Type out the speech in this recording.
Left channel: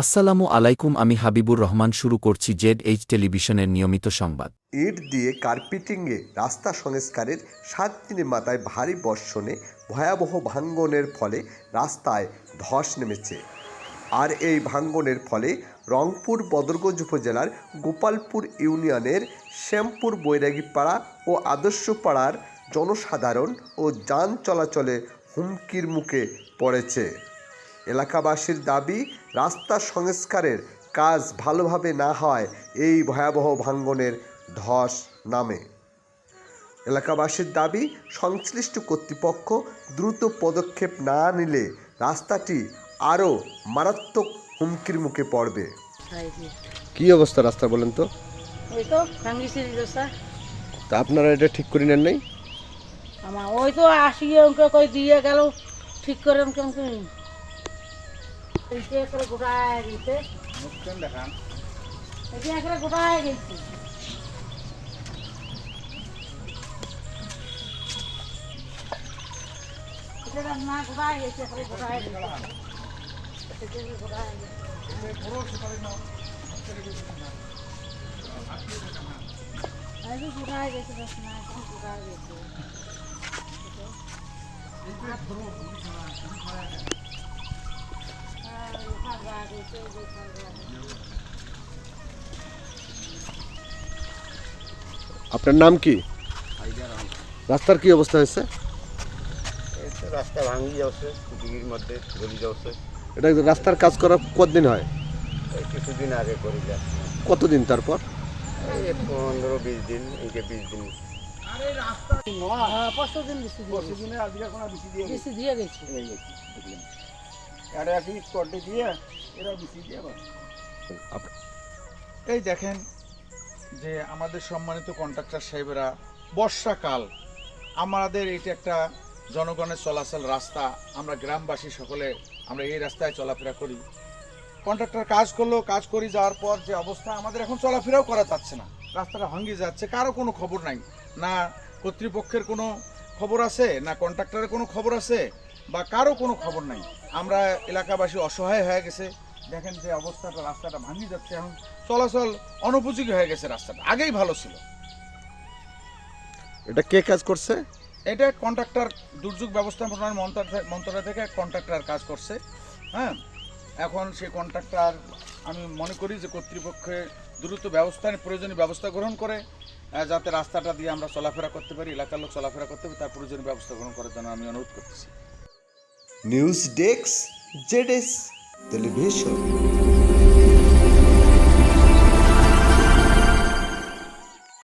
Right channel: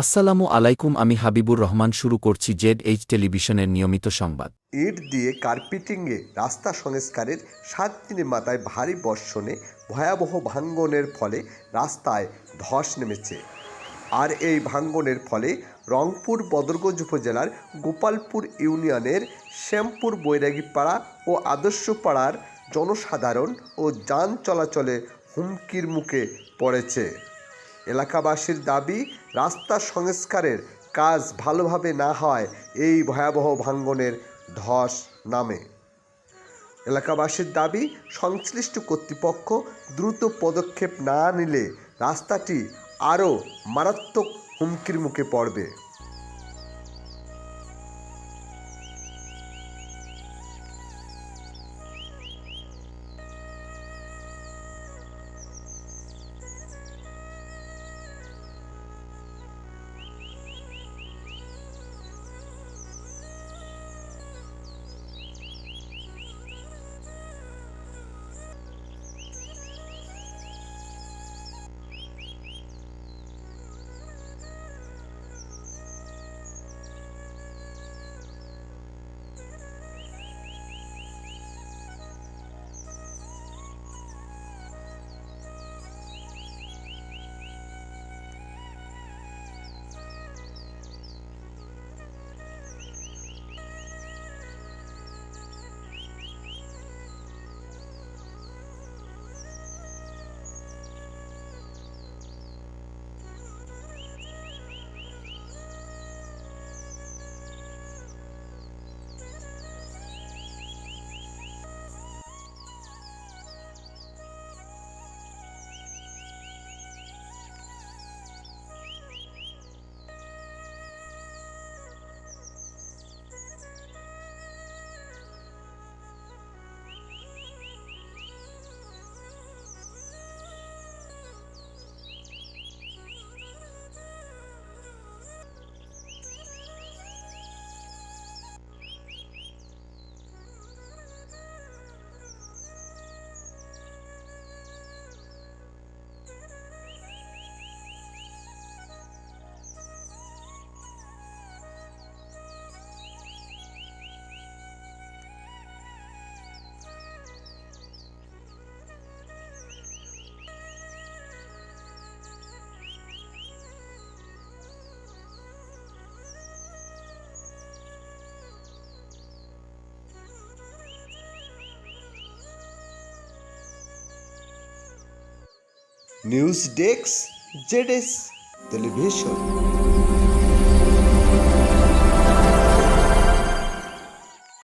আসসালামু আলাইকুম, আমি হাবিবুর রহমান। শুরু করছি ZH টেলিভিশনের নিয়মিত সংবাদ। ইট দিয়ে কার্পেটিংয়ে রাস্তা সংস্কারের 7 দিনের মাথায় ভারী বর্ষণে ভয়াবহ ভাঙ্গনের ফলে রাস্তায় ধস নেমেছে। আর এই ভাঙ্গনের ফলে রংপুর বদরগঞ্জ উপজেলার গোপালপুর ইউনিয়নের শ্যামপুর বৈরাগীপাড়া ও আদর্শপাড়ার জনসাধারণ ও যান চলাচলে হুমকির মুখে পড়েছে। এলাকাবাসীর দাবি, রাস্তা সংস্কারের কাজ ভালোভাবে না হয় এই ভয়াবহ ভাঙ্গনের ধস নামে। এলাকাবাসীর দাবি, সংশ্লিষ্ট কর্তৃপক্ষ দ্রুত পদক্ষেপ না নিলে রাস্তাটি আরও মারাত্মক হুমকির মুখে পড়বে। কি অবস্থা রাস্তা বলেন তো? ওই তো ভাঙ্গিছে রাস্তা। তা আপনারা এটা ঠিক করে নেন নাই? আমার ওই তো আসিয়ে ওকে কই দিয়ে গেল ঠিক করে কেমন করে গোটায় গেছে। দেখান এটা গোটায় গেছে। এটা না গোটায় গেছে, গোটায় গেছে। আপনার নাম কি? রাস্তার কি অবস্থা হয়েছে? রাস্তা ভাঙি যাচ্ছে, দিঘির মধ্যে গলি যাচ্ছে। এটা রাস্তার কাজ করা কতদিন হয়? এই কিছুদিন আগে করে যা, কতদিন তারপর? এই 15-20 দিন, একে 20 দিন। এই দেখেন যে আমাদের সম্মানিত কন্ট্রাক্টর সাহেবেরা, বর্ষাকাল, আমাদের এটা একটা জনগণের চলাচল রাস্তা, আমরা গ্রামবাসী সকলে আমরা এই রাস্তায় চলাফেরা করি। কন্ট্রাক্টর কাজ করলো, কাজ করে যাওয়ার পর যে অবস্থা, আমাদের এখন চলাফেরাও করা যাচ্ছে না, রাস্তাটা ভাঙিয়ে যাচ্ছে। কারো কোনো খবর নাই, না কর্তৃপক্ষের কোনো খবর আছে, না কন্ট্রাক্টরের কোনো খবর আছে, বা কারো কোনো খবর নাই। আমরা এলাকাবাসী অসহায় হয়ে গেছে। দেখেন যে অবস্থাটা, রাস্তাটা ভাঙিয়ে যাচ্ছে, এখন চলাচল অনুপযোগী হয়ে গেছে। রাস্তাটা আগেই ভালো ছিল। এটা কে কাজ করছে? এটা কন্ট্রাক্টর, দুর্যোগ ব্যবস্থাপনা মন্ত্রণালয় থেকে কন্ট্রাক্টর কাজ করছে। হ্যাঁ, এখন সেই কন্ট্রাক্টর, আমি মনে করি যে কর্তৃপক্ষের দ্রুত প্রয়োজনীয় ব্যবস্থা গ্রহণ করে, যাতে রাস্তাটা দিয়ে আমরা চলাফেরা করতে পারি, এলাকার লোক চলাফেরা করতে পারি, তার প্রয়োজনীয় ব্যবস্থা গ্রহণ করার জন্য আমি অনুরোধ করতেছি। News desk, ZH television.